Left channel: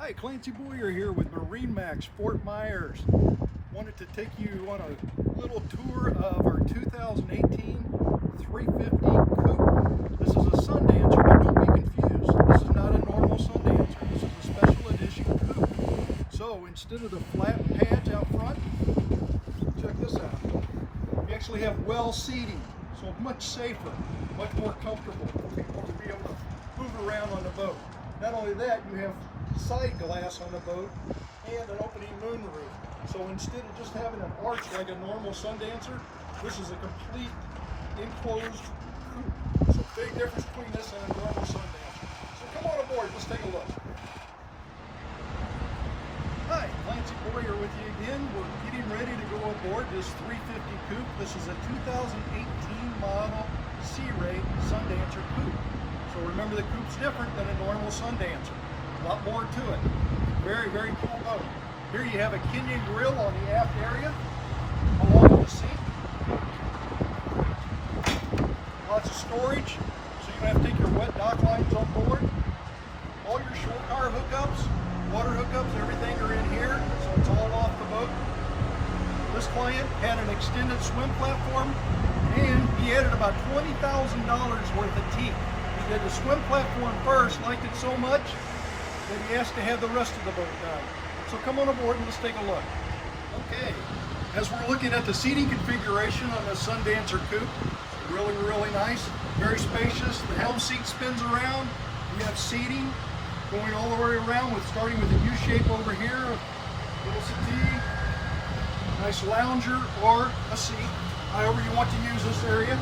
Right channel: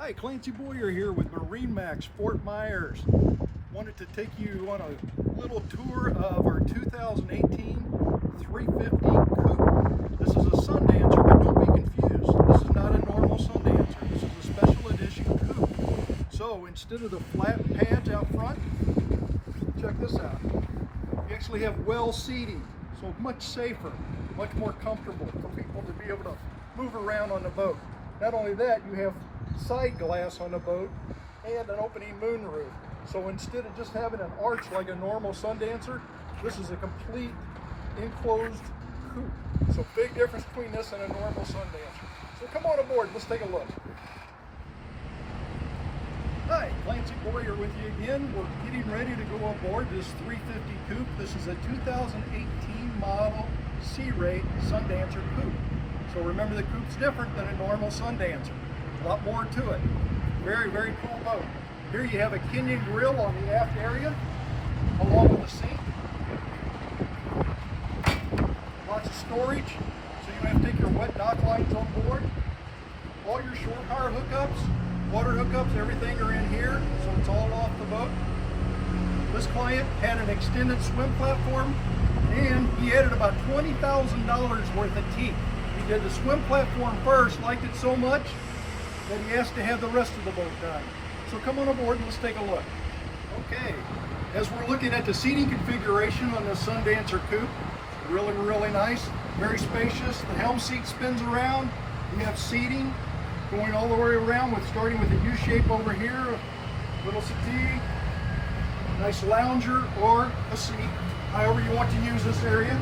Hi, Clancy Boyer here with MarineMax Fort Myers. Wanted to take you on a little tour of our 2018 350 Coupe. This is a Sundancer, but don't be confused. This is not a normal Sundancer. This is a special edition Coupe. So instead of the flat pads out front, check this out. You actually have well seating, so much safer, much more comfortable for people to be able to move around on the boat. Not only that, you have side glass on the boat and an opening moonroof. So instead of just having an arch like a normal Sundancer, this is a complete enclosed coupe. So big difference between this and a normal Sundancer. So come on aboard, let's take a look. Hi, Clancy Boyer with you again. We're getting ready to go aboard this 350 coupe. This is a 2018 model C-Ray Sundancer coupe. So remember, the coupe's different than a normal Sundancer. A lot more to it. Very, very cool boat. Here you have a Kenyan grill on the aft area, along with the sink. Lots of storage, so you don't have to take your wet dock lines on board. All your shore car hookups, water hookups, everything are in here, so it's all off the boat. This client had an extended swim platform, and he added about $20,000 worth of teak. He did the swim platform first, liked it so much that he asked to have the rest of the boat done. So come on aboard and let's take a look. Okay, as we're looking at the seating configuration on the Sundancer coupe, really, really nice, very spacious. The helm seat spins around. You have seating going all the way around, with starting with a U shape over here, a little settee, nice lounger or a seat, however you want to use this area.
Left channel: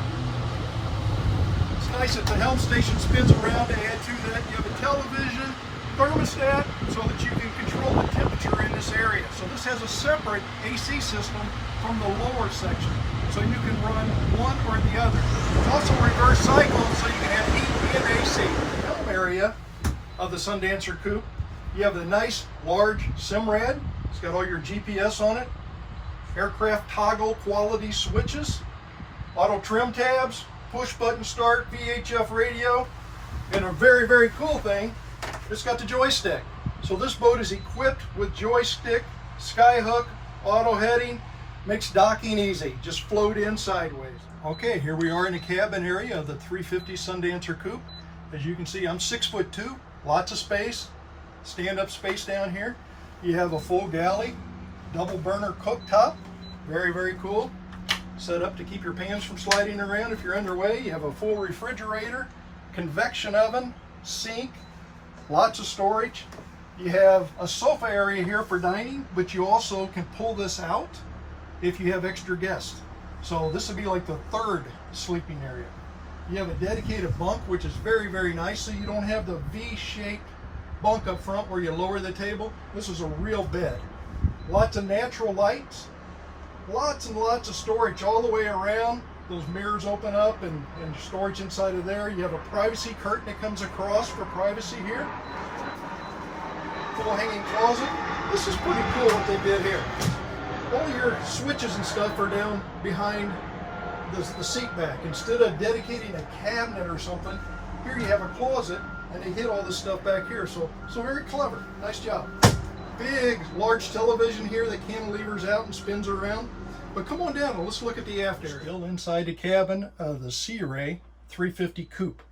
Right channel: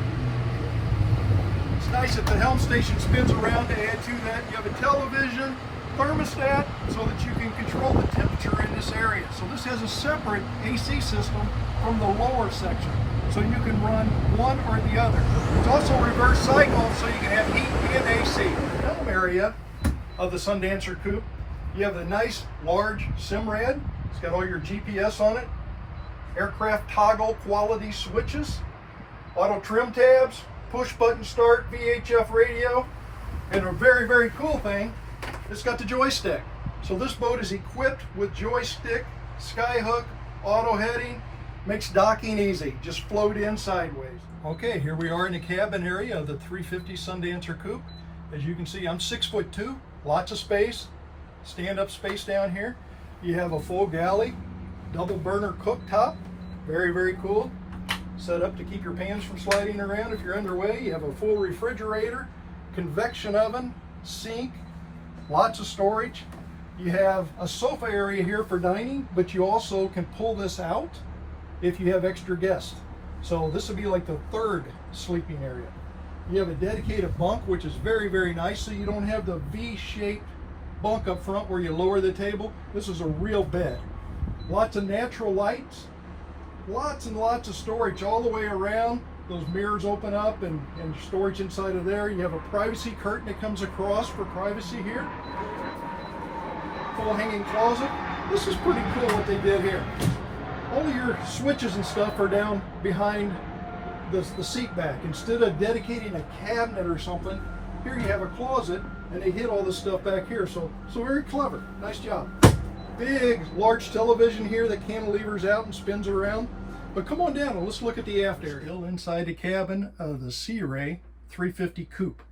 It's nice that the helm station spins around. To add to that, you have a television, thermostat, so that you can control the temperature in this area. So this has a separate AC system from the lower section, so you can run one or the other. It's also reverse cycle, so you can have heat and AC. The helm area of the Sundancer coupe, you have the nice large Simrad. It's got all your GPS on it, aircraft toggle quality switches, auto trim tabs, push button start, VHF radio, and a very, very cool thing, it's got the joystick. So this boat is equipped with joystick, skyhook, auto heading, makes docking easy. Just float in sideways. Okay, here we are in the cabin area of the 350 Sundancer coupe. As you can see, I'm 6'2", lots of space, stand-up space down here. You have a full galley, double burner cooktop, very, very cool. Set up to keep your pans from sliding around if you're underway. You have a full refrigerator, convection oven, sink, lots of storage. You have a sofa area here for dining, but you also can pull this out if you have extra guests. So this would be like the third sleeping area. You have a dedicated bunk, which is very, very nice, so you don't have the V-shaped bunk up front where you lower the table. This is a real bed. Lots of natural lights, lots and lots of storage all the way around. Those mirrors open up and storage inside of there. You have a privacy curtain that comes across for privacy here. Full hanging closet. This is pretty cool what they did here. All your switches and stuff are down behind the seat back. Instead of dedicating a cabinet or something, here you have a closet and they hid all this stuff back here. So very clever. Nice job. Big, large television here that cantilevers out and spins around. But come on down and let's look at the aft area. Still inside the cabin of the C-Ray 350 coupe.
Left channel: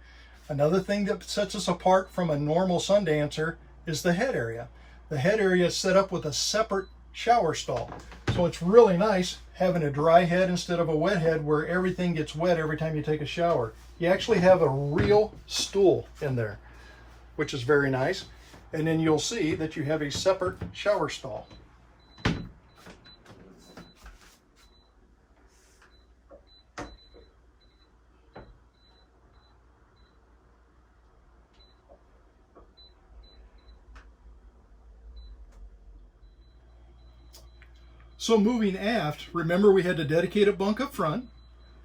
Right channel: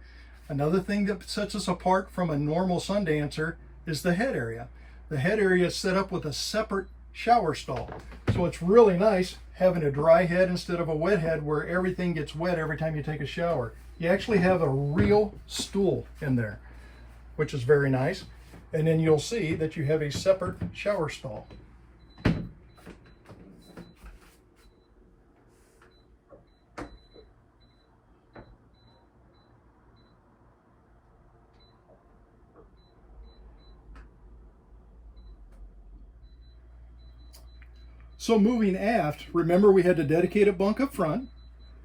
Another thing that sets us apart from a normal Sundancer is the head area. The head area is set up with a separate shower stall. So it's really nice having a dry head instead of a wet head where everything gets wet every time you take a shower. You actually have a real stool in there, which is very nice. And then you'll see that you have a separate shower stall. So moving aft, remember we had the dedicated bunk up front.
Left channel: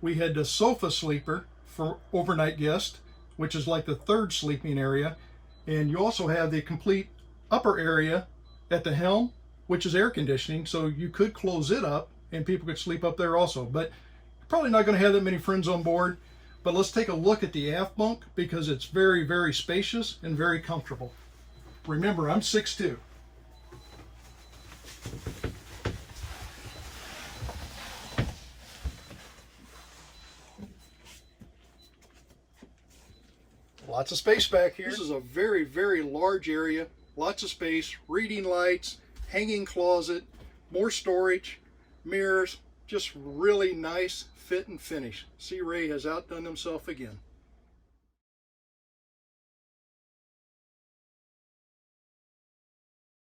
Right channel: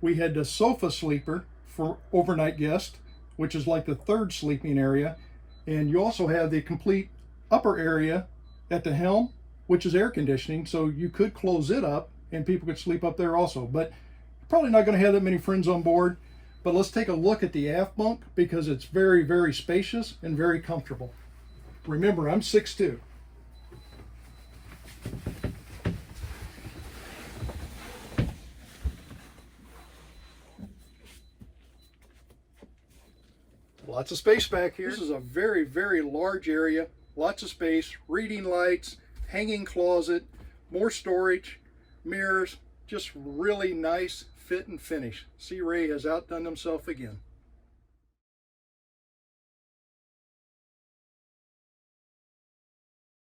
We had the sofa sleeper for overnight guests, which is like the third sleeping area. And you also have the complete upper area at the helm, which is air conditioning. So you could close it up and people could sleep up there also. But you're probably not going to have that many friends on board. But let's take a look at the aft bunk because it's very, very spacious and very comfortable. Remember, I'm 6'2". Lots of space back here. This is a very, very large area. Lots of space, reading lights, hanging closet, more storage, mirrors, just really nice fit and finish. Sea Ray has outdone himself again.